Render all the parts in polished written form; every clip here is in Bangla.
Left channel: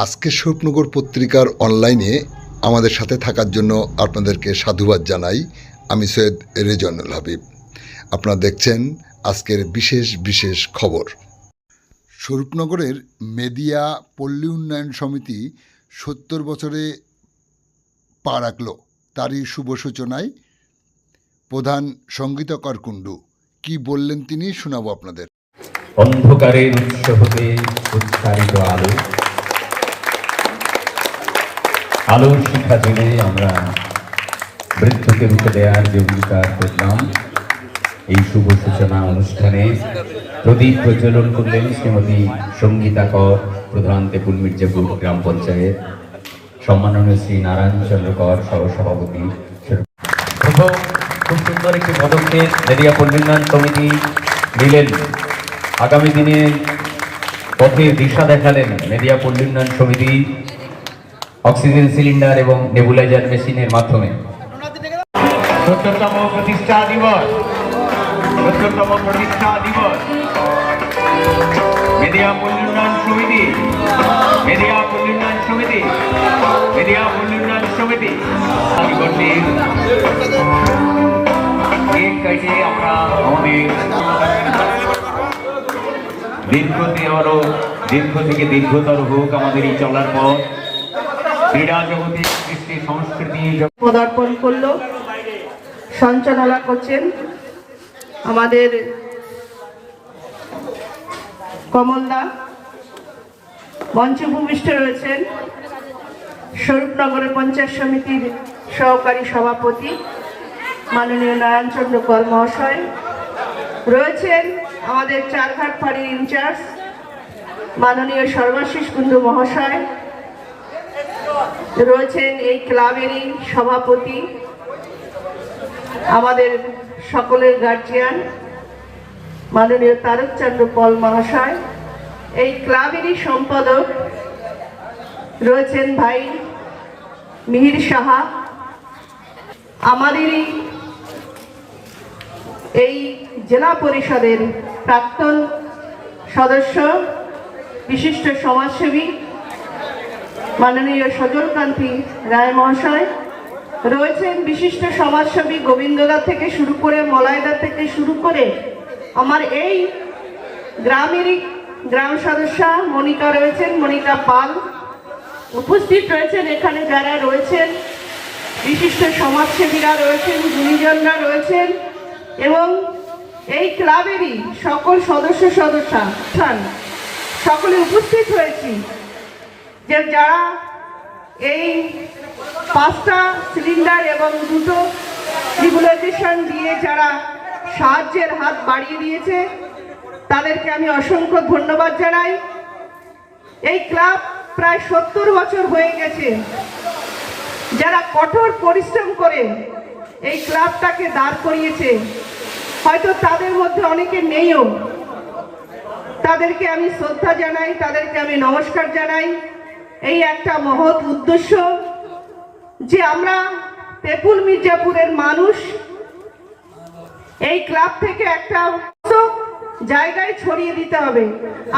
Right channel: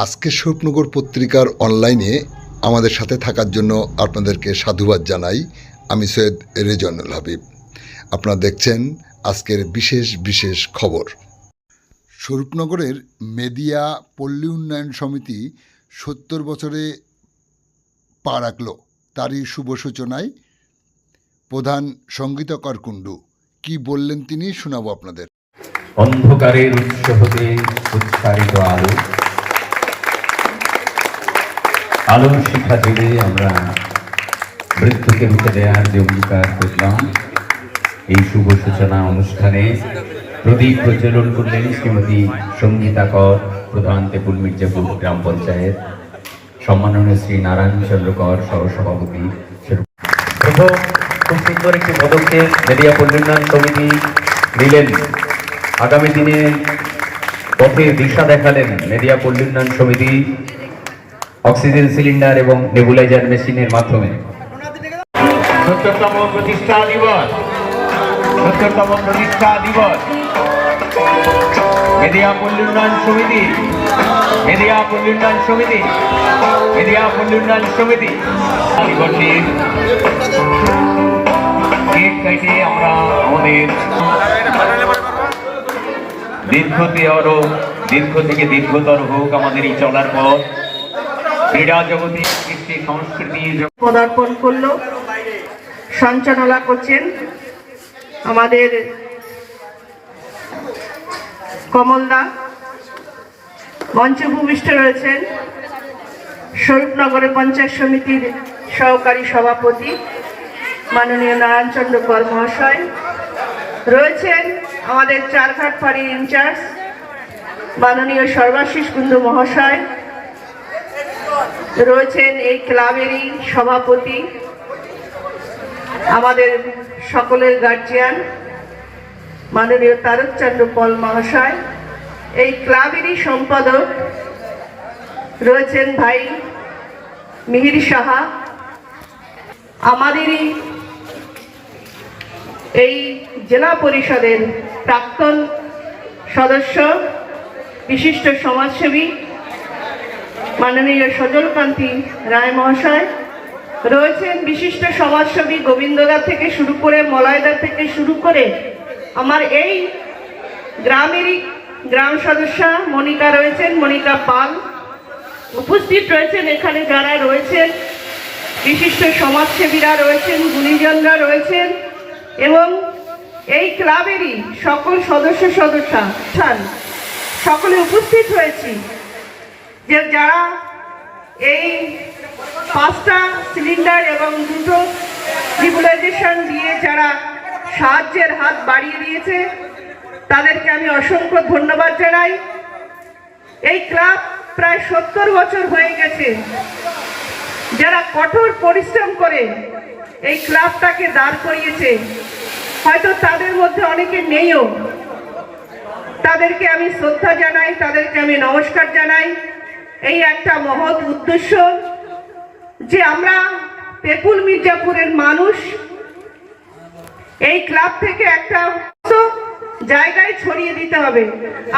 আজকে স্বরূপনগর পত্রিকার অনলাইনে আমাদের সাথে থাকার জন্য আপনাদেরকে সাধুবাদ জানাই। আমি সৈয়দ রেজওয়ানুল হাবিব। আপনারা দেখছেন আজকের বিশেষ বিশেষ খবর। স্বরূপনগরের মেদিয়া পল্লী উন্নয়ন সমিতি ৭০ বছরে পা রাখল। তারই শুভ সূচনায় প্রধান সঙ্গীতকার কুণ্ডু কি বললেন তিনি শোনাবো আপনাদের। অন্ধকারের উৎস হতে উচ্চারিত আলো, আলোর শিখা জেলে আমরা মৃত্যুকে রুখে দেওয়ার যে অঙ্গীকার করলাম, এই শুভ সূচনা অনুষ্ঠানে প্রদীপ প্রজ্বলন করলেন শ্রীমতী সঙ্গীতা কর, প্রধান তেপুল মির্জাপুর গ্রাম পঞ্চায়েত, সম্মাননীয় শ্রী নারায়ণ চন্দ্র কর সহসভাপতি। খুব সুন্দর একটি পদক্ষেপ মেদিয়া পল্লী উন্নয়ন সমিতি নিলেন। আগামী দিনে পথে দিশা দেখালেন মেদিয়া পল্লী উন্নয়ন সমিতি অক্সিজেন সিলিন্ডার এবং নেবুলাইজার মেশিনের মাধ্যমে। ৭০তম প্রতিষ্ঠা দিবস মেদিয়া পল্লী উন্নয়ন সমিতি, মেদিয়া পল্লী উন্নয়ন সমিতি, মেদিয়া পল্লী উন্নয়ন সমিতি কেক কাটে আমরা আমাদের দীর্ঘ থেকে দীর্ঘতর হোক আমাদের এই চলার পথ। ক্রীড়া জগতে কৃষ্টি সংস্কৃতি পদার্পণ করলো, সঞ্চালনা করছেন আমাদের কমলদা। মঞ্চে ভূমিষ্ঠ রয়েছেন স্বরূপনগরের পঞ্চায়েত সমিতির সহকারী সভাপতি মাননীয় নারায়ণচন্দ্র কর মহাশয়, রয়েছেন আমাদের চারঘাট ফাঁড়ির ইনচার্জ মাননীয় সর্বাশিস কুণ্ডু মহাশয়, রয়েছেন এই ক্লাবেরই সভাপতি আমাদের সকলের গার্জিয়ান মাননীয় তারকচন্দ্র পল মহাশয়, এই ক্লাবেরই সম্পাদক রয়েছেন ভাই মিহির সাহা, আমাদেরই এই জেলা পরিষদের প্রাক্তন সদস্য বিশিষ্ট সমাজসেবী মাননীয় সজলকান্তি রায় মহাশয়, রয়েছেন বিশিষ্ট সমাজসেবী গোবিন্দদা থেকে শুরু করে মলয়দা থেকে শুরু করে আমার এই গ্রামেরই গ্রাম সদস্যা মনিকা রয়েছেন, মনিকা পাল উপস্থিত রয়েছেন। এখানে যারা রয়েছেন বিশিষ্ট সমাজসেবীরা রয়েছেন, গুণীজনরা রয়েছেন এবং এই ক্লাবেরই সকল সদস্যা সকলে উপস্থিত হয়েছি। যে যারা এই 5টা সিলিন্ডার এবং 2টো নেবুলাইজেশন দিয়ে যারা সাহায্যের হাত বাড়িয়ে দিয়েছে তাদেরকে আমি অসংখ্য ধন্যবাদ জানাই। এই ক্লাব প্রায় 70 বছর হয়ে গেছে। যারা কঠোর পরিশ্রম করে এই ক্লাবটাকে দাঁড় করিয়েছে, হয়তো তাদের মধ্যে অনেকে নেইও, তাদেরকে আমি শ্রদ্ধা জানাই, তাদেরকে আমি নমস্কার জানাই। এই একটা মহৎ উদ্দেশ্য যে আমরা তেপুল মির্জাপুরের মানুষ এই ক্লাব থেকে একটা জায়গায় ছড়িয়ে দিতে হবে।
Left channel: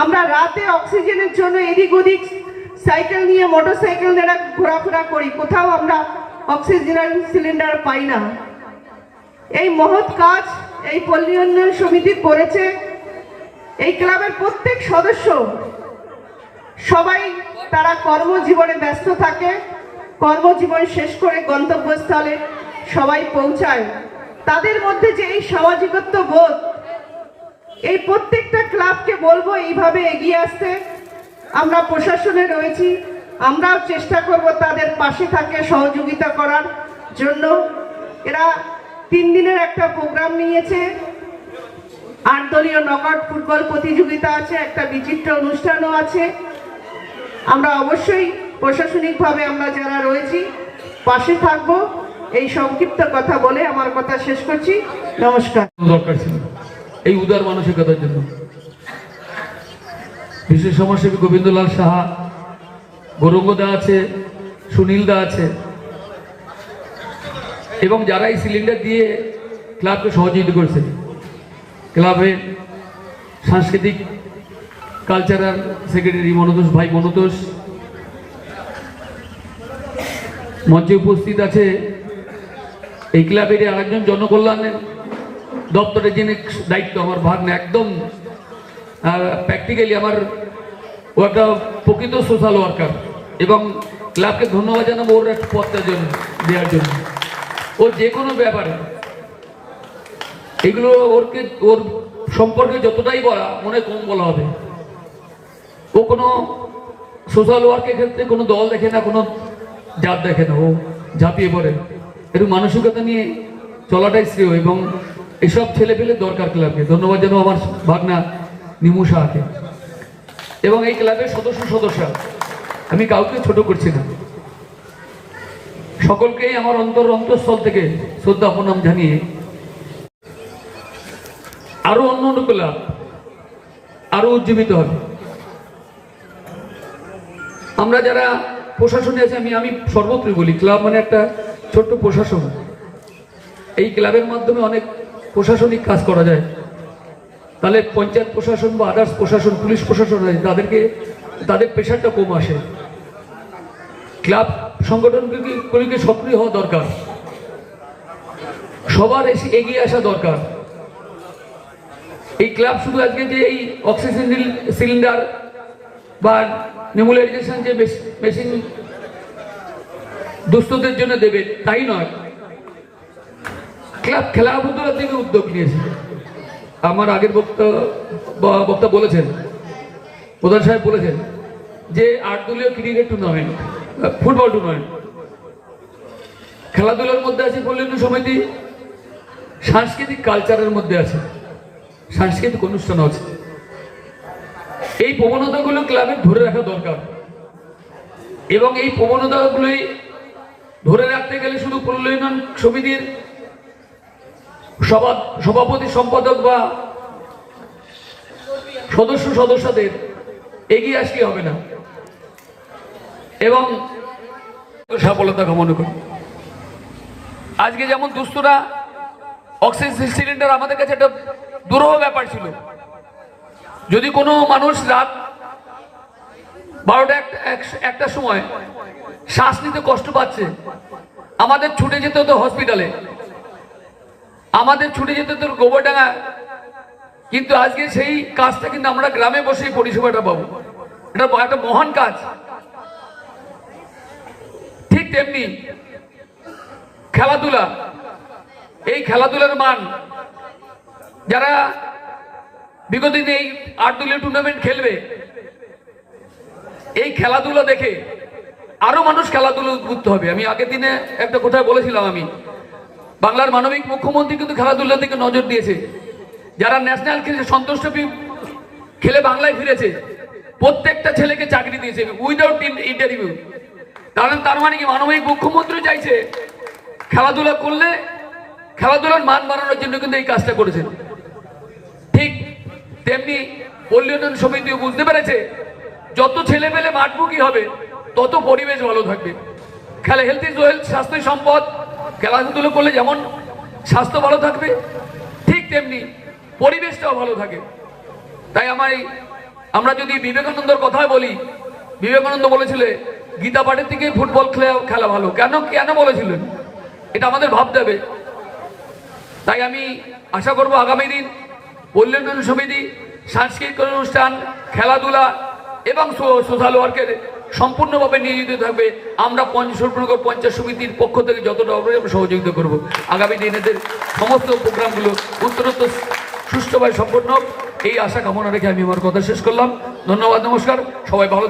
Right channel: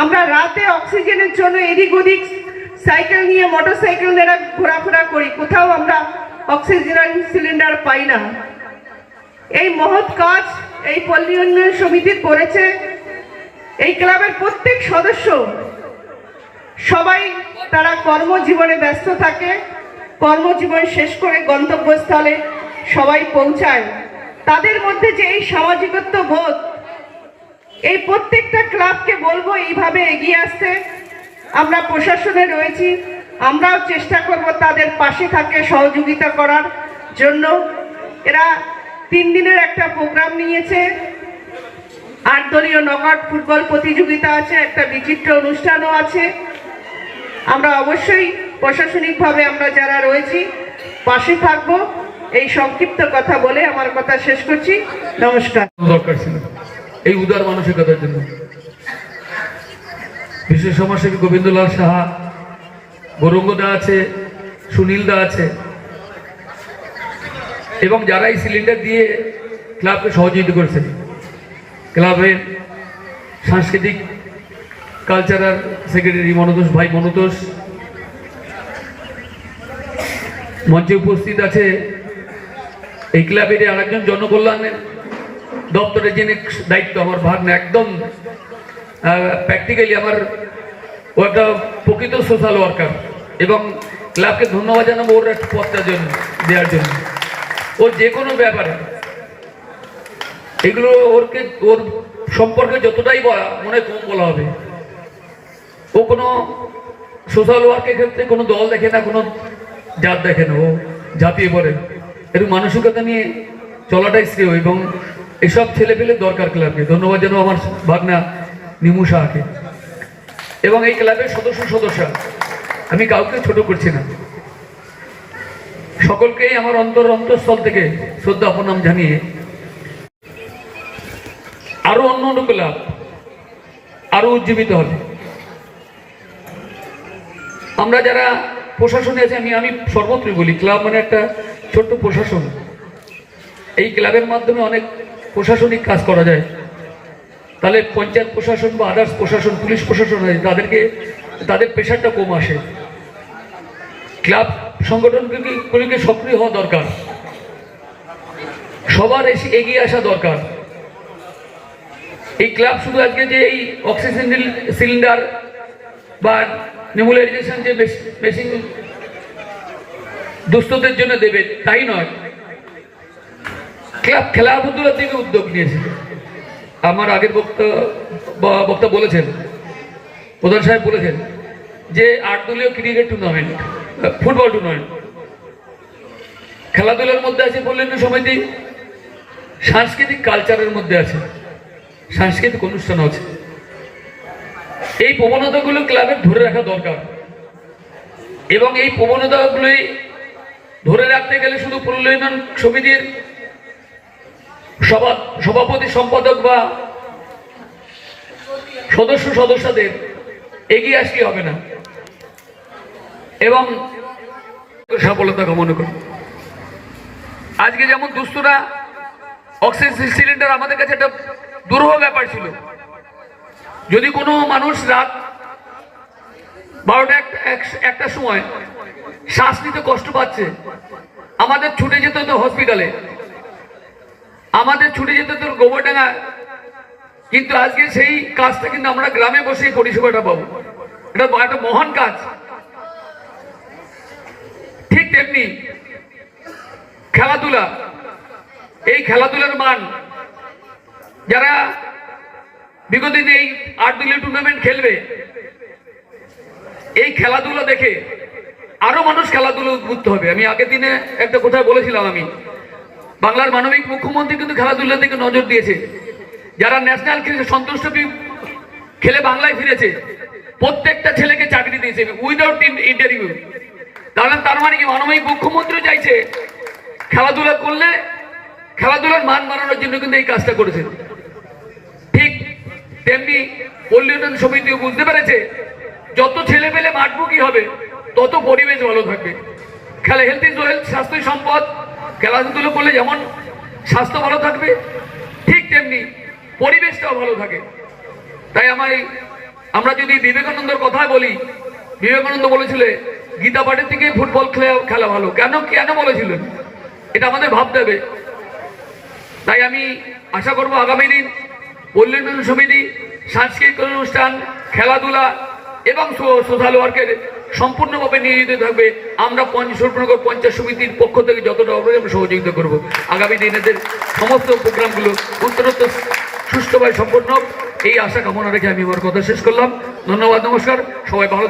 আমরা রাতে অক্সিজেনের জন্য এদিক ওদিক সাইকেল নিয়ে মোটর সাইকেল নিয়ে ঘোরাফেরা করি, কোথাও আমরা অক্সিজেন সিলিন্ডার পাই না। এই মহৎ কাজ এই পল্লী উন্নয়ন সমিতি করেছে। এই ক্লাবের প্রত্যেক সদস্য সবাই তারা কর্মজীবনে ব্যস্ত থাকে, কর্মজীবন শেষ করে গন্তব্যস্থলে সবাই পৌঁছায়। তাদের মধ্যে যে এই সামাজিকত্ব বোধ, এই প্রত্যেকটা ক্লাবকে বলবো এইভাবে এগিয়ে আসতে। আমরা প্রশাসনে রয়েছি, আমরাও চেষ্টা করব তাদের পাশে থাকে সহযোগিতা করার জন্য। এরা 3 দিনের একটা প্রোগ্রাম নিয়েছে, 8 দলীয় নকআউট ফুটবল প্রতিযোগিতা আছে, একটা বিচিত্র অনুষ্ঠানও আছে। আমরা অবশ্যই প্রশাসনিকভাবে আমরা যারা রয়েছি পাশে থাকব। এই সংক্ষিপ্ত কথা বলে আমার কথা শেষ করছি। নমস্কার। দরকার ছিল এই উদার মানসিকতার জন্য। বিশেষ সমাজসেবী গোবিন্দলাল সাহা, গৌরঙ্গদা আছে, সুনীলদা আছে এবং যারা এই সিলিন্ডার দিয়ে ক্লাবকে সহযোগিতা করেছে। ক্লাবের সাংস্কৃতিক কালচারাল সেক্রেটারি মনোতোষ ভাই মনোতোষ, মঞ্চে উপস্থিত আছে এই ক্লাবের আরেকজন জনকল্যাণের দপ্তরের যিনি দায়িত্ব আমার ভাগ্নে, একদম প্র্যাকটিক্যালি আমার ও একটা প্রকৃত সোশ্যাল ওয়ার্কার, এবং ক্লাবকে ধন্যবাদ জানাবো ওর একটা পথটার জন্য দেওয়ার জন্য। ওর যে কোনো ব্যাপারে এগুলো ওর সম্পর্কে যতটাই বলা মনে কম বলা হবে। ও কোনো সোশ্যাল ওয়ার্কের ক্ষেত্রে কোনো দল দেখে না, কোনো জাত দেখে না, ও ঝাঁপিয়ে পড়ে। একটু মানসিকতা নিয়ে চলাটাই শ্রেয়, এবং এসব ছেলে পেলে দরকার ক্লাবকে। ধন্যবাদ জানাবো আমার ভাগনা নিমু শাহকে এবং এই ক্লাবের সদস্যরা। আমি কাউকে ছোট করছি না, সকলকেই আমার অন্তঃস্থল থেকে শ্রদ্ধা প্রণাম জানিয়ে আরো অন্য ক্লাব আরো উজ্জীবিত হবে। আমরা যারা প্রশাসনে আছি, আমি সর্বত্রই বলি ক্লাব মানে একটা ছোট্ট প্রশাসন। এই ক্লাবের মাধ্যমে অনেক প্রশাসনিক কাজ করা যায়। তাহলে পঞ্চায়েত প্রশাসন বা আদার্স প্রশাসন, পুলিশ প্রশাসন হয়, তাদের প্রেশারটা কম আসে। ক্লাব সংগঠনগুলিকে সক্রিয় হওয়া দরকার, সবার এগিয়ে আসা দরকার। এই ক্লাব শুধু আজকে যে এই অক্সিজেন সিলিন্ডার বা নেবুলাইজেশন যে মেশিন দুস্থদের জন্য দেবে তাই নয়, ক্লাব খেলাধুলার দিকে উদ্যোগ নিয়েছে। আমার আগের বক্তা বলেছেন, প্রধান সাহেব বলেছেন যে 8 দলীয় ক্রিকেট টুর্নামেন্ট, ফুটবল টুর্নামেন্ট, খেলাধুলার মধ্যে আছে বললেন সমিতি, সাংস্কৃতিক কালচারের মধ্যে আছে, সাংস্কৃতিক অনুষ্ঠান আছে। এই প্রবণতাগুলো ক্লাবের ধরে রাখা দরকার, এবং এই প্রবণতাগুলি ধরে রাখতে গেলে শুধু উন্নয়ন সমিতির সভাপতি সম্পাদক বা সদস্যদের এগিয়ে আসলে হবে না, এবং সফলতা কামনা করি। আজকে যেমন দুস্থরা অক্সিজেন সিলিন্ডার আমাদের কাছে একটা দুরূহ ব্যাপার ছিল। যদি কোনো মানুষ রাত 12টা একটা সময় শ্বাস নিতে কষ্ট পাচ্ছে, আমাদের ছুটে যেতে হতো হসপিটালে, আমাদের ছুটে যেতে হতো গোবরডাঙ্গা। কিন্তু আজকে সেই কাজটা কিন্তু আমরা গ্রামে বসেই পরিষেবাটা পাবো। এটা একটা মহান কাজ। ঠিক তেমনি খেলাধুলা, এই খেলাধুলার মান, যারা বিগত দিনে এই 8 দলীয় টুর্নামেন্ট খেলবে, এই খেলাধুলা দেখে আরো মানুষ খেলাধুলা উদ্বুদ্ধ হবে। আমি আগের দিনে একটা কোথায় বলেছিলাম, আমি বাংলার মানবিক মুখ্যমন্ত্রী কিন্তু খেলাধুলার দিকে নজর দিয়েছে। যারা ন্যাশনাল খেলে সন্তোষ খেলে বাংলায় ফিরেছে, প্রত্যেকটা ছেলেকে চাকরি দিয়েছে উইদাউট ইন্টারভিউ। তার মানে কি মানবিক মুখ্যমন্ত্রী চাইছে খেলাধুলা করলে খেলাধুলার মান বাড়ানোর জন্য কিন্তু এই কাজটা করেছেন। ঠিক তেমনি উন্নয়ন সমিতিও বুঝতে পেরেছে যত ছেলে পেলে মাঠমুখী হবে তত পরিবেশ ভালো থাকবে। হেলথ ইজ ওয়েলথ, স্বাস্থ্য সম্পদ। খেলাধুলো করলে যেমন স্বাস্থ্য ভালো থাকবে, ঠিক তেমনি পরিবেশটাও ভালো থাকে। তাই আমরা যদি বিবেকানন্দর কথা বলি, বিবেকানন্দ বলেছিলেন গীতা পাঠের থেকে ফুটবল খেলা ভালো। কেন বলেছিলেন এটা আমাদের ভাবতে হবে। তাই আমি আশা করব আগামী দিন উন্নয়ন সমিতি, সাংস্কৃতিক অনুষ্ঠান, খেলাধুলা এবং সোশ্যাল ওয়ার্কের সম্পূর্ণভাবে নিয়োজিত থাকবে। আমরা সুরনগর পঞ্চায়েত সমিতির পক্ষ থেকে যতটা সহযোগিতা করব। আগামী দিনেদের সমস্ত প্রোগ্রামগুলো উত্তরোত্তর সুষ্ঠুভাবে সম্পন্ন হোক, এই আশা কামনা রেখে আমি আমার কথা শেষ করলাম। ধন্যবাদ, নমস্কার, সবাই ভালো।